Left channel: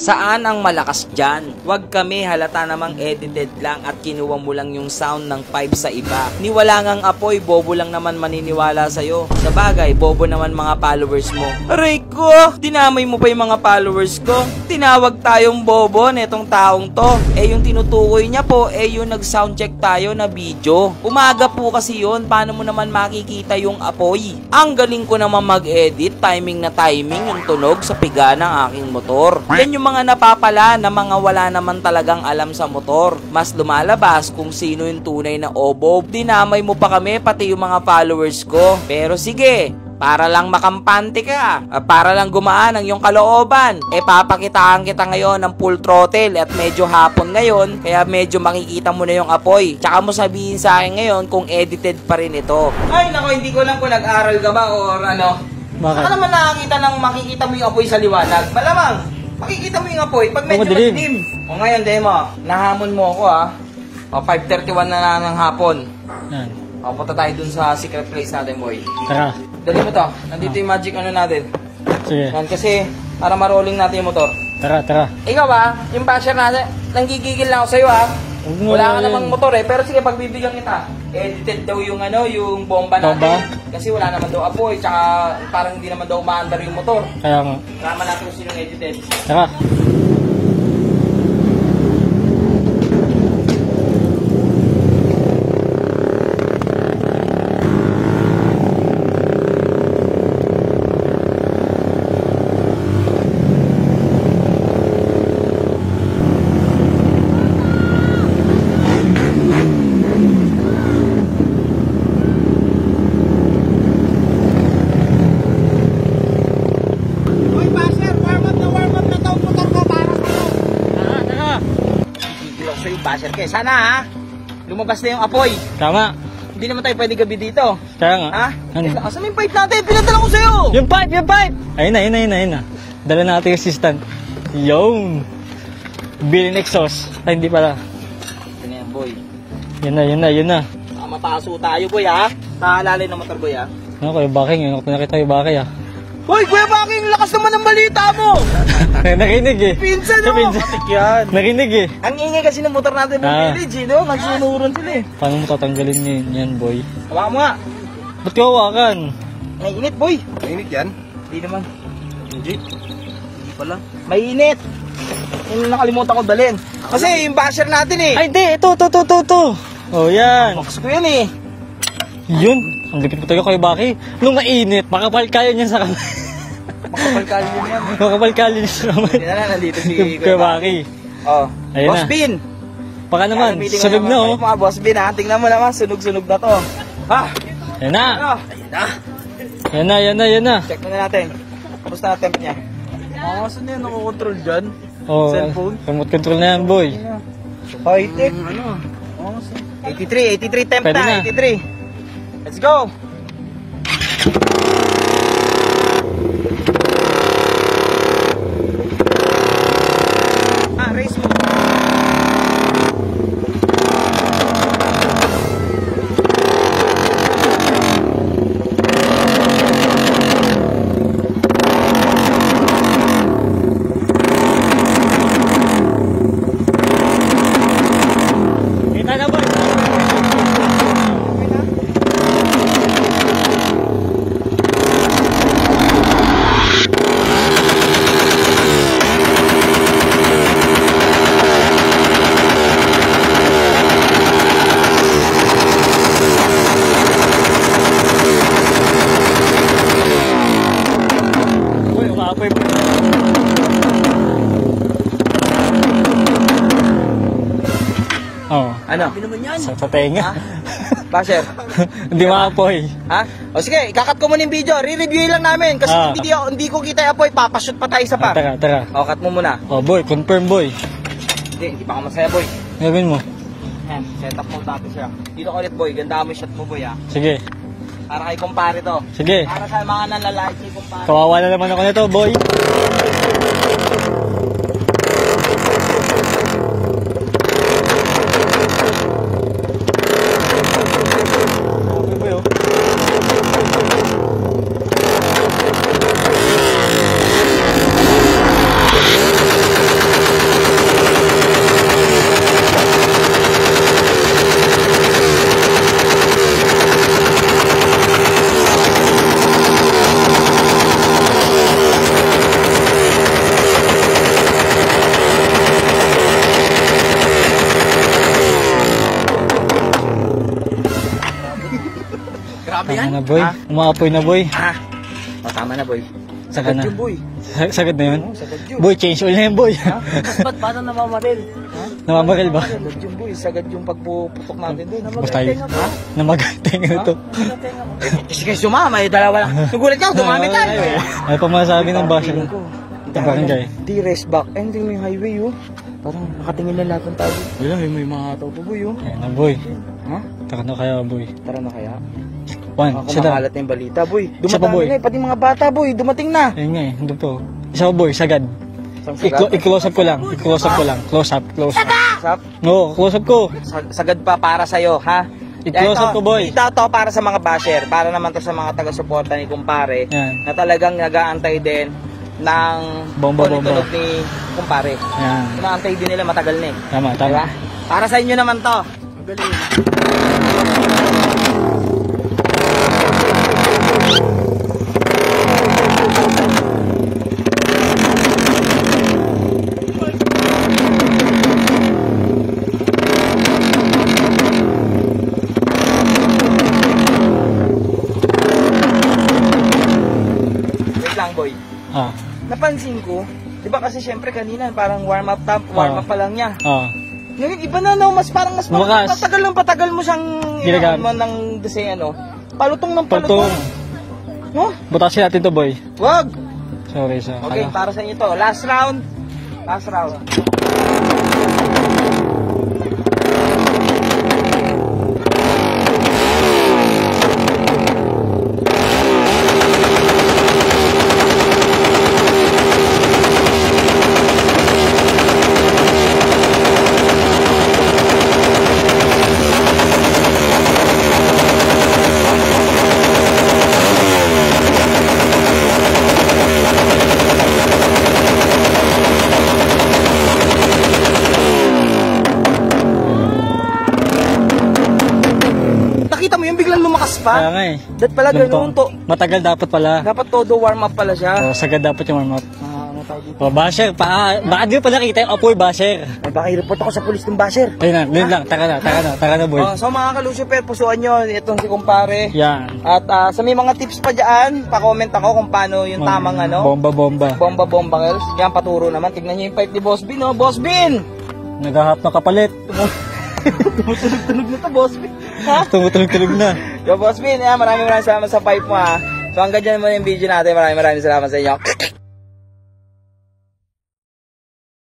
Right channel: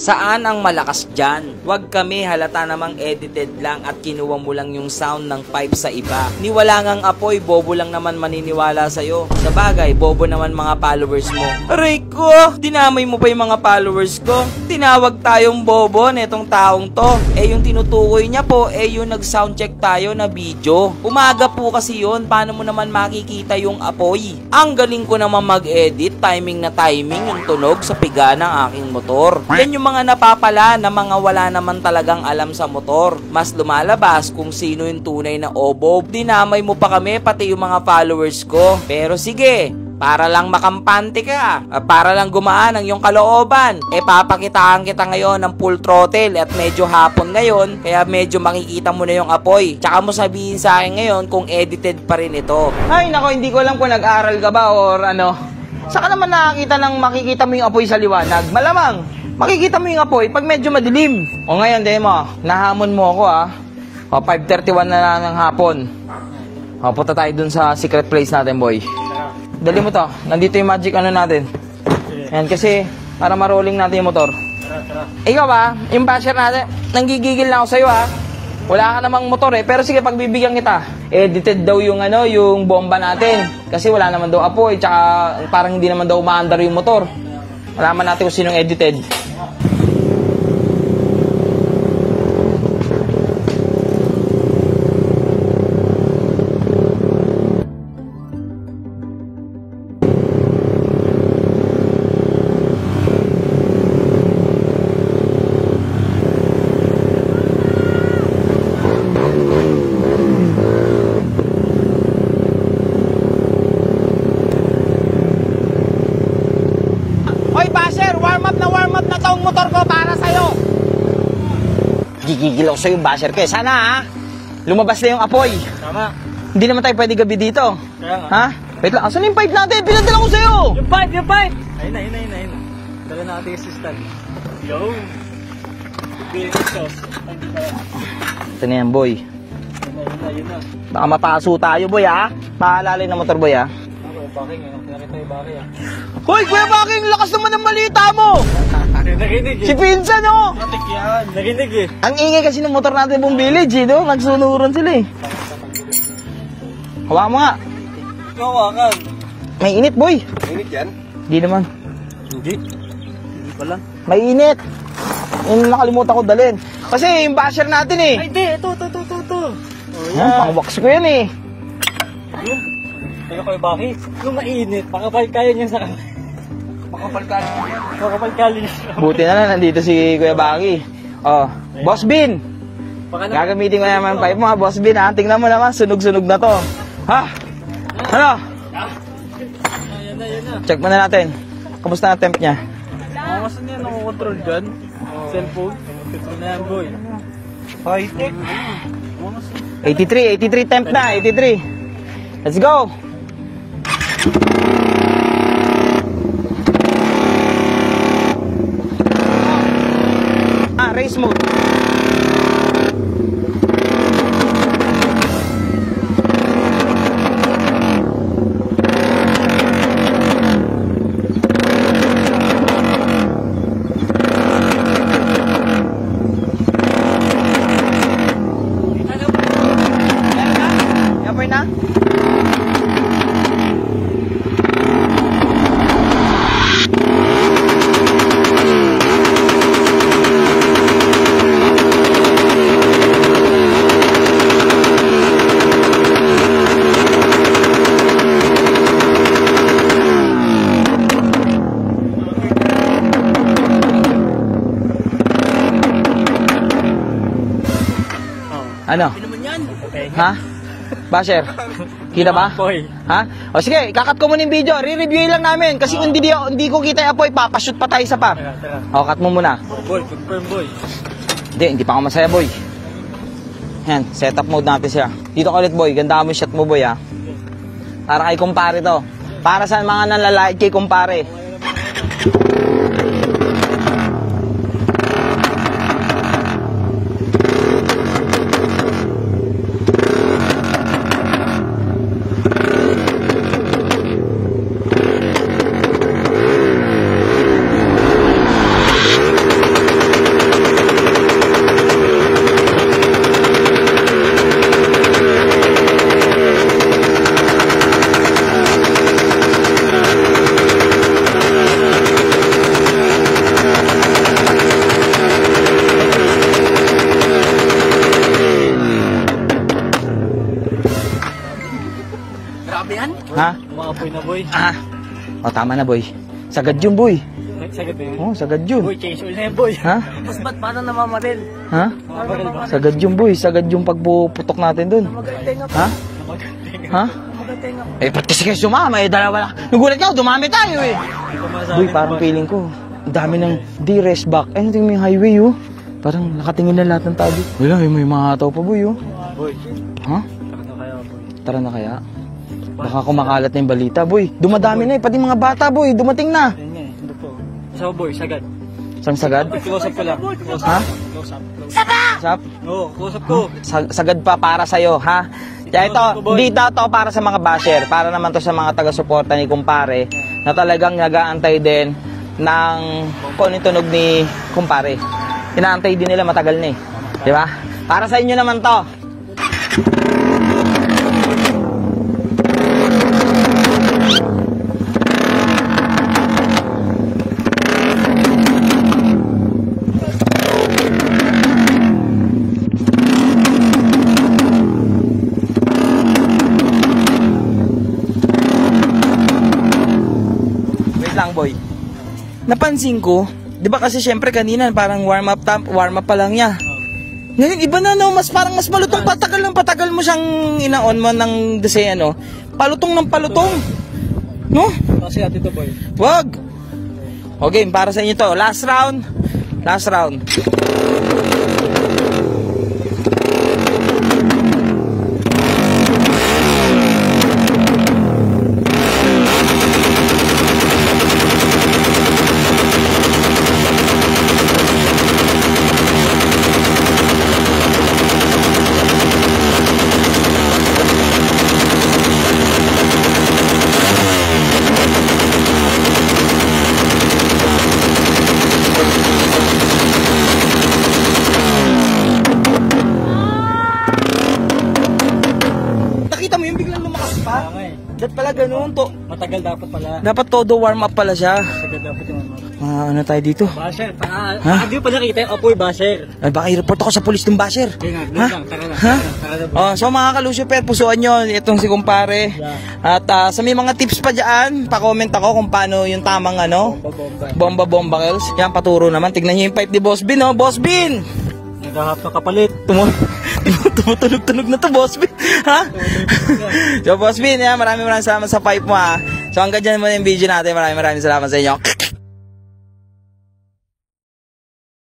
Saan ang malakas dyan? Huwag kami, halata namang edited lang at kinuha mo lang yung sound ng pipe sa iba. Ni wala ngang apoy, bobo lang naman maniniwala sa'yo. Sa bagay, bobo naman mga followers mo. Aray ko! Dinamay mo pa yung mga followers ko. Tinawag tayong bobo netong taong to. Yung tinutukoy niya po, yung nag-soundcheck tayo na video. Umaga po kasi yun, paano mo naman makikita yung apoy? Ang galing ko naman mag-edit, timing na timing yung tunog sa piga ng aking motor. Yan yung mga napapala na mga wala naman talagang alam sa motor. Mas lumalabas kung sino yung tunay na obob. Dinamay mo pa kami, pati yung mga followers ko. Pero sige, para lang makampante ka, para lang gumaan ang iyong kalooban, papakitaan kita ngayon ng full throttle at medyo hapon ngayon, kaya medyo makikita mo na yung apoy. Tsaka mo sabihin sa akin ngayon kung edited pa rin ito. Ay nako, hindi ko alam kung nag-aral ka ba or ano. Saka naman makikita mo yung apoy sa liwanag. Malamang makikita mo yung apoy pag medyo madilim. O ngayon, demo, nahamon mo ako 5:31 na lang ng hapon. Punta tayo dun sa secret place natin, boy. Tara. Dali mo to. Nandito yung magic ano natin. Sige. Yan, kasi para marolling natin yung motor. Tara, tara. Ikaw yung basher natin, nanggigigil na ako sa'yo Wala ka namang motor pero sige, pagbibigyan kita. Edited daw yung yung bomba natin. Kasi wala naman daw apoy, tsaka parang hindi naman daw umaandar yung motor. Kaya nga. Malaman natin kung sinong edited. Tara. Hoy, basher! Warm up na tong motor ko para sa'yo! Gigigil ako sa'yo, basher. Kaya sana lumabas na yung apoy. Tama. Hindi naman tayo pwede gabi dito. Kaya nga. Wait lang, asan yung pipe natin? Pinadala ko sa'yo! Yung pipe! Ayun na. Dala na natin yung assistant. Yung Bilin exhaust. Ay, hindi pala. Ito na yan, boy. Yun na. Baka mataso tayo, boy, Paalali na motor, boy, Ano kayo, Bakay? Ngayon ko nakita yung Bakay, Hoy, Kuya Bakay! Lakas naman ng balita mo! Nakinig Si Pinsan, Si Pinsan, yan. Nakinig Ang ingay kasi ng motor natin ng village, di ba? Nagsunuran sila, Paano tatanggalin niyo yan, boy? Hawakan mo nga. Ba't ka hawakan? May init, boy. Mainit yan? Hindi naman. Hindi pala. May init. Yung nakalimutan ko dalhin. Kasi yung basher natin, Ay, di. Ito. Oh, yan. Pawaks ko yan, Yun. Ang lipit mo tayo kayo, Bakay. Nung mainit, makapalkalin yan sa kamay. Makapalkalin yan sa kamay. Buti na nandito si Kuya Bakay. Ayun Boss na. Bin. Baka naman, Gagamitin nga sunog naman na, pipe mo, Boss Bin, Tingnan mo naman, sunog-sunog na to. Yan na. Ano? Yan na. Check mo na natin. Kamusta ang temp niya? Saan yan? Nakokontrol dyan? Oh, Cellphone? remote control na yan, boy. High-tech. 83 temp Pwede na, na. 83. Let's go! Race mode. Kita na, boy. Yapoy na? Boy, umapoy. Oh, Ano? sa tenga. Basher? Hindi ba? maapoy. O sige, ikakat ko muna yung video. Re-review lang namin. Kasi hindi ko kita yung apoy. Papashoot pa tayo sa par. Tara. O, cut mo muna. Oh, boy, confirm, boy. Hindi pa ako masaya, boy. Gawin mo. Yan, setup mode natin siya. Dito ka ulit, boy. Ganda mo yung shot mo, boy, Sige. Para kay kumpare to. Sige. Para sa mga nanlalait kay kumpare. Kawawa na naman ako nito, boy. yan? Ano, boy? Ha? Umaapoy na, boy. O, tama na, boy. Sagad yun, boy. Sagad na yun. Oo, sagad yun. Boy, change oil na yun, boy. Ha? Ba't parang namamaril? Ha? Namamaril ba? Sagad yun, boy. Sagad yung pagpuputok natin dun. Basta yun. Ha? Namagateng Ha? ito. Eh, practice kayo sumama. May dalawa lang. Nagulat ka, dumami tayo eh. May pamasabi Boy, ng parang basa. feeling ko. Dami Barangay. ng di rest back. Eh, tingin mo yung highway, oh. Parang nakatingin na lahat ng tabi. Wala, may mga tao pa, boy, oh. Ayan, boy. Ha? Taka na kaya, boy. Tara na kaya. One, Baka isa na. kumakalat na yung balita, boy. Isa Dumadami ba, boy? na eh. Pati mga bata, boy. Dumating na. Ayun nga eh, hindi po. Isa pa, boy, sagad. Saan sagad? I-close up ko lang. I-close up ko lang. Close up, close up. Sap? Oo, close up ko. Sagad pa para sa'yo, ha? I-close Ito, up ko, boy. dito to para sa mga basher. Para naman to sa mga taga-suporta ni Kumpare. Yan. Na talagang nag-aantay din ng Bomba, tunog ni Kumpare. Yan. Inaantay din nila matagal na eh. Tama, tama. Di ba? Para sa inyo naman to. Wait lang, boy. Ah, Napansin ko, di ba kasi syempre kanina parang warm up pa lang niya. ah. Ngayon, iba na no, parang mas malutong. Bukas. Patagal mo siyang inaon mo ng desay ano. Palutong ng palutong. No? Butasin natin to, boy. Wag! Sorry, sorry. Okay, para sa inyo to. Last round. Last round. Nakita mo yung biglang lumakas Kaya pa? nga eh. Dapat pala ganun to. Matagal dapat pala. Dapat todo warm up pala siya. Oh, sagad dapat yung warm up. Ano tayo dito? So, basher, bago pa nakita yung apoy, basher. Ay, baka i-report ako sa polis ng basher. Ayun na, tara na, boy. So mga kalusyper, pusuan nyo itong si Kumpare. Yan. At sa may mga tips pa dyan, pa-comment ako kung paano yung tamang ano. Bomba. Bomba girls. Yan, paturo naman. Tignan nyo yung pipe ni Boss Bin, oh. Boss Bin! Naghahap na kapalit. Tumutunog na to, Boss Bin. Ha? Tumutunog na. So, Boss Bin, yan, maraming salamat sa pipe mo, ha. So, hanggang dyan mo yung video natin. Maraming salamat sa inyo.